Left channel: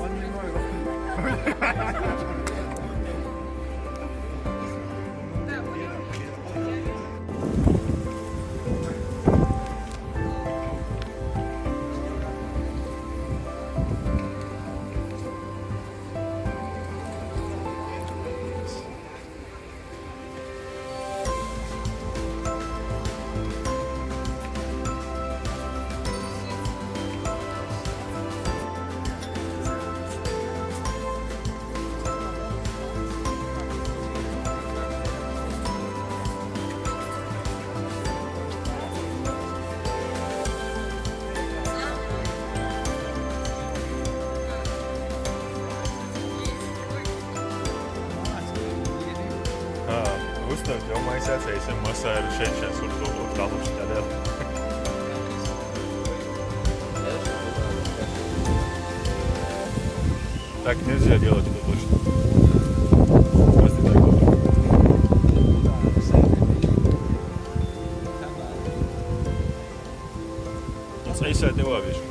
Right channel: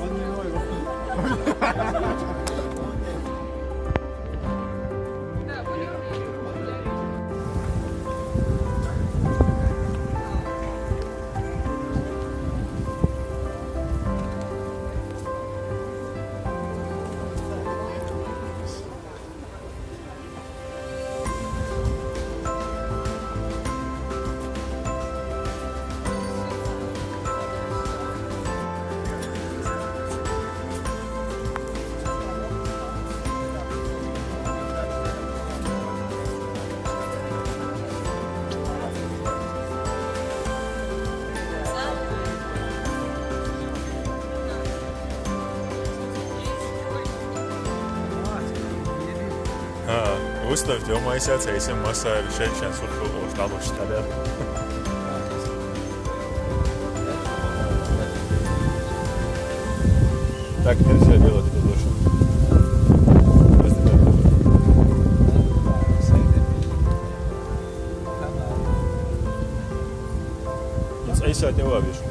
Он не мой. Ustavti oma isätseisen massailla Shevchen sulku alustalle. Так нельзя делать это точно. Нет, Айса это его видишь.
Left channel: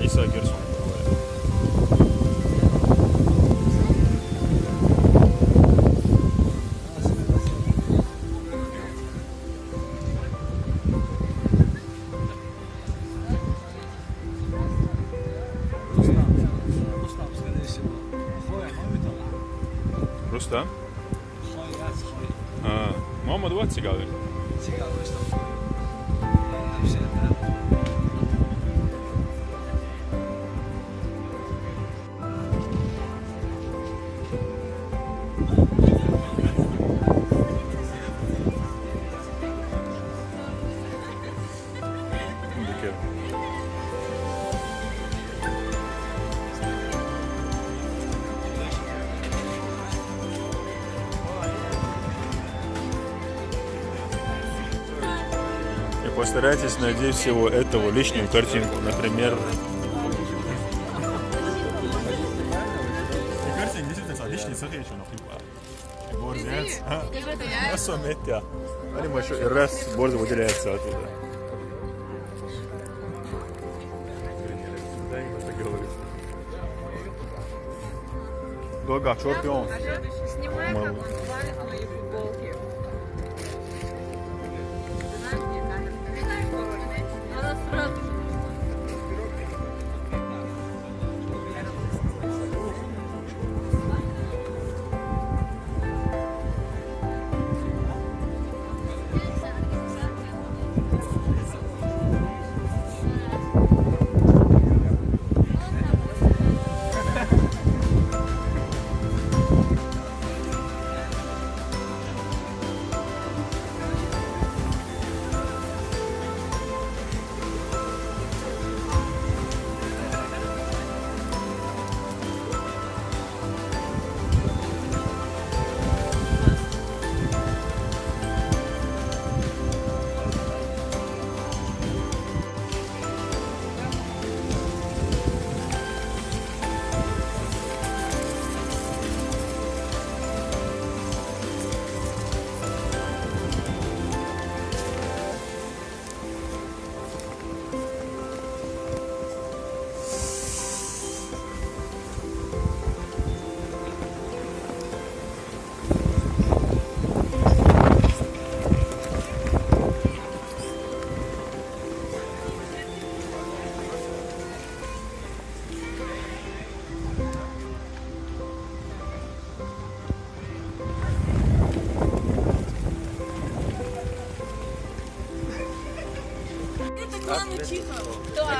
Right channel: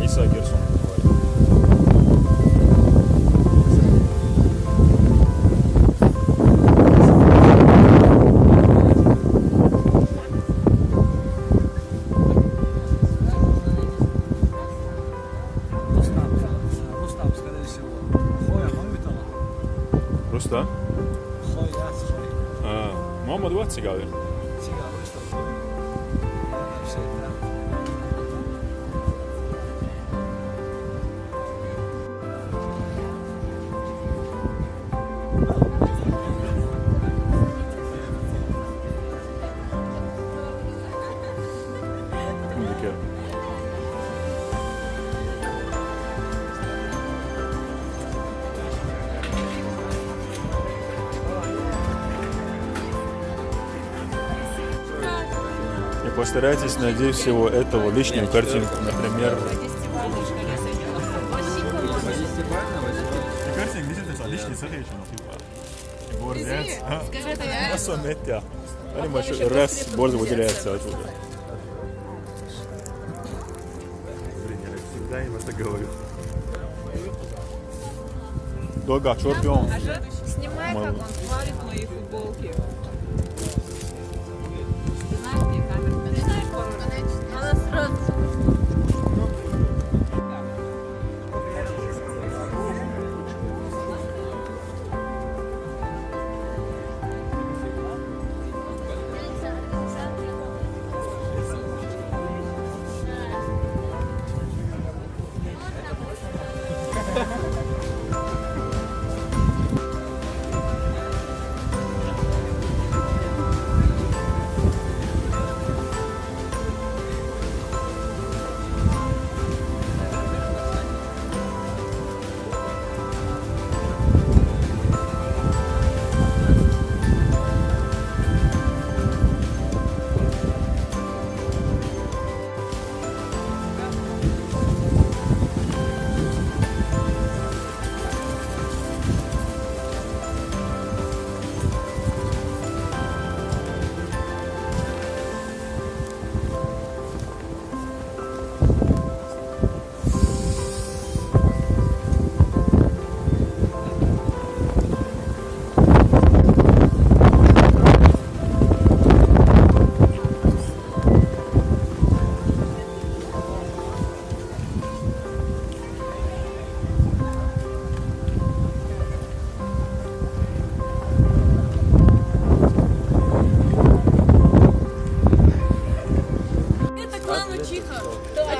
Айса Герсон говорит. Rustam? Muhammed Vatsi galiba. И постарайтесь найти всего этого лишнюю картинку, например. Раз борзо выделяется оттуда. Долго, чемпион. Снимай мои футболки.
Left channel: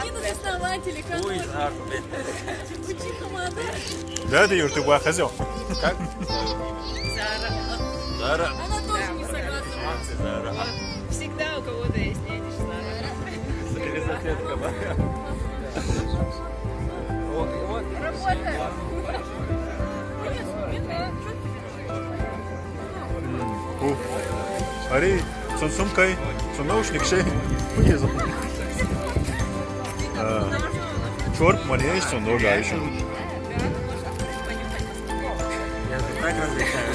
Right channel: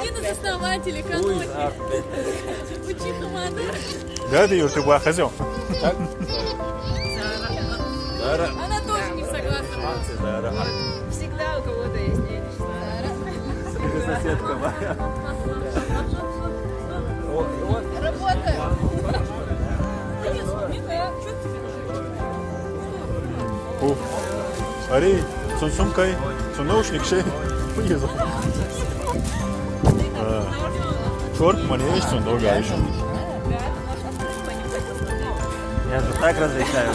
Один из основателей канони. Учиха Мадара. Да, ты, Юр, ты была хозяин. Как? Она тоже не согласна. Всегда у кого-то есть нянечка. Или соседка, да? Работа. Ух. Смотри, с сумкой, с наушник şey uyuyor. Черт, мне есть он долго еще. Я же так различаю.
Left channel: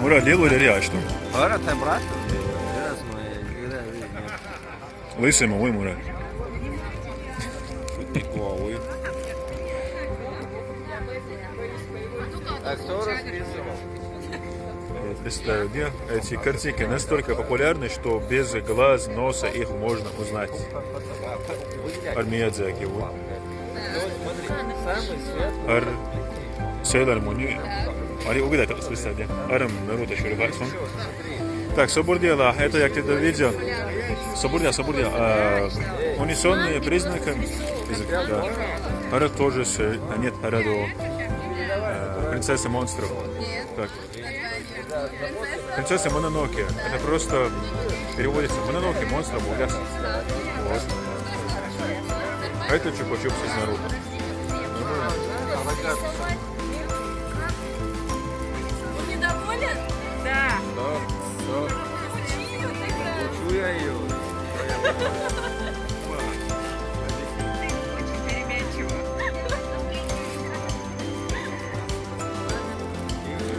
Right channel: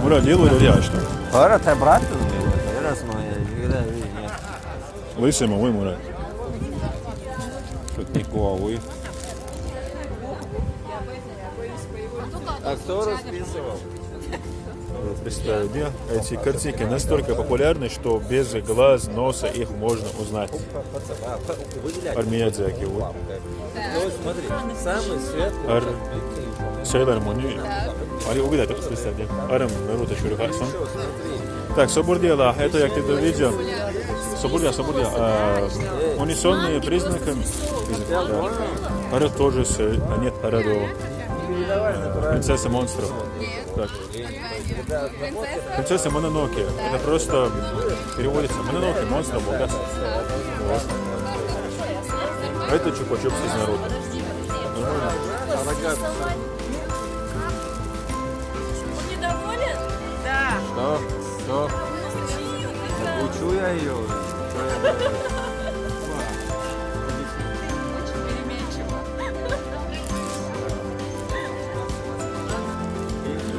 Мура, лил или реа, что? Ahora está брат, никогда не видел. Лысый малый Мурат. Что ты головы? А кто расписывал? Я представляю, где эти картинки настолько популярны, что без глаз, носа их можно узнать. Армиядзаки, вот. Смотри, самый светлый. Ар... Сейлор Муни. Ари увидят это специально. Арам Наруто Шурихарсон. Так, Собурдела, это я где-то видел. Собурдела. Унисонные признаки. Да. Ара тоже, нет, Арадо. Принцесса монстров. Так. Принцесса Мононоке. Это просто переводится Мононоке, монстр, богас. Вот. А это Чупа-Чупс из Наруто. Нормально? Вы недоволен? Да. Что? Учу я ее. Очень переменчиво.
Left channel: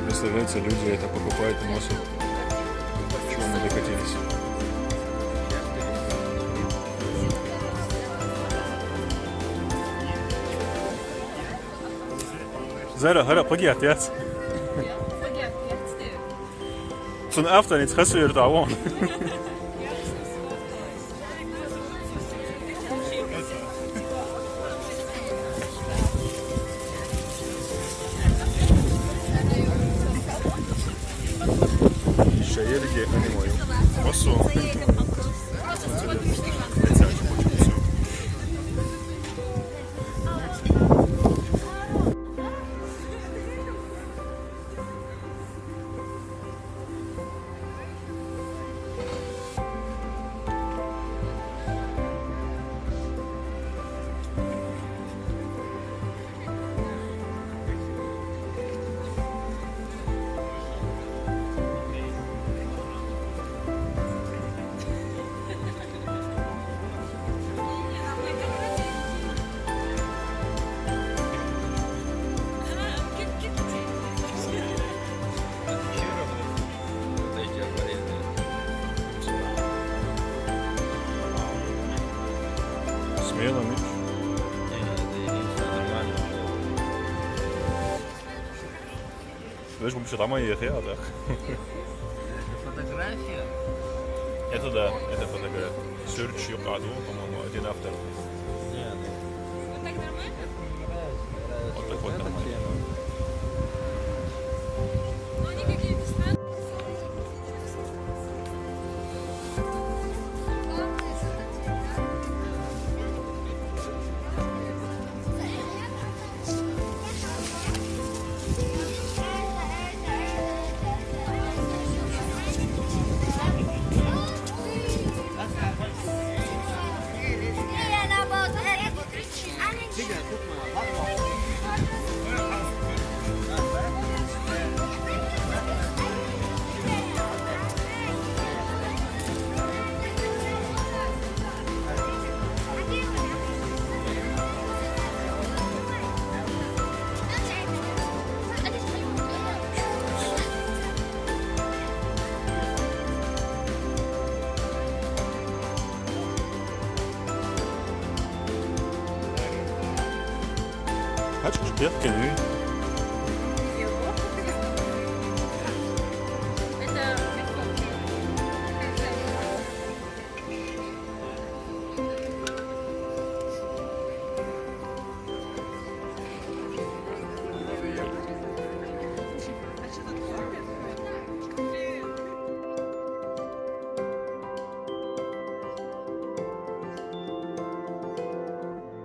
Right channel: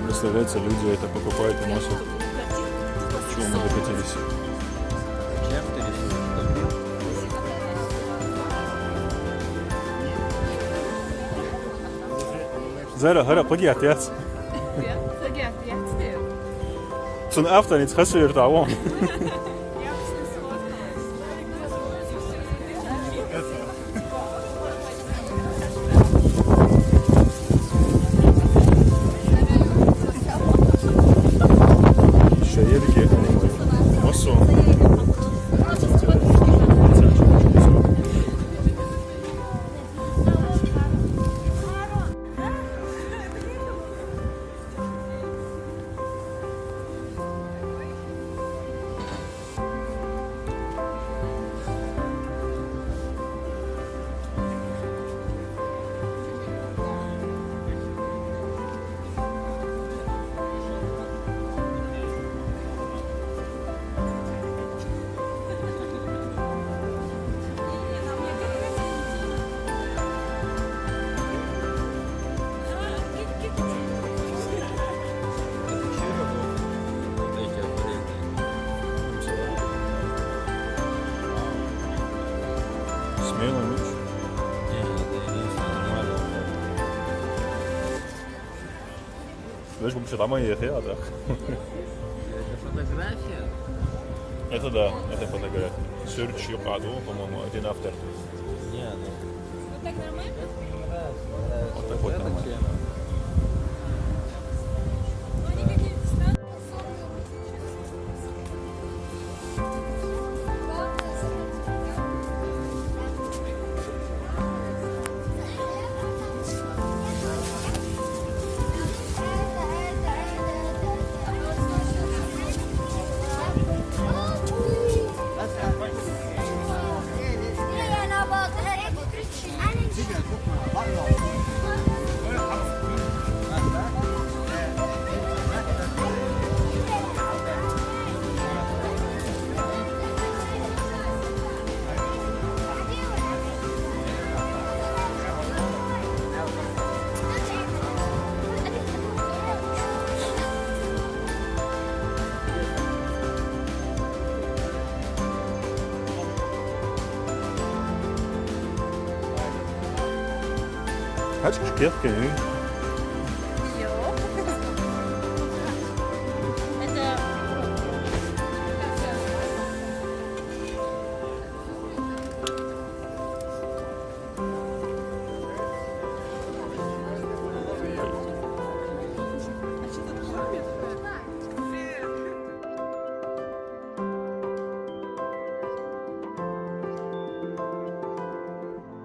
Представляете, люди это покупают и носят. К чему мы докатились? Zara, hara, plagiat, ja. Ja, pлагиат, я отстаю. Zo'n aftan iets gesuurd, ouwe. Şehirki, Mosu. Смело, Миш. Это единственное нормально. Знаешь, вообще там и я, да? Фотография? Это да, это фотография. Search Yokado, по-моему, один автор. Не, ну. Вот так нормально? Вот так вот нормально. Ну, они какие-то странные. Kaç kuşku yap geliyor?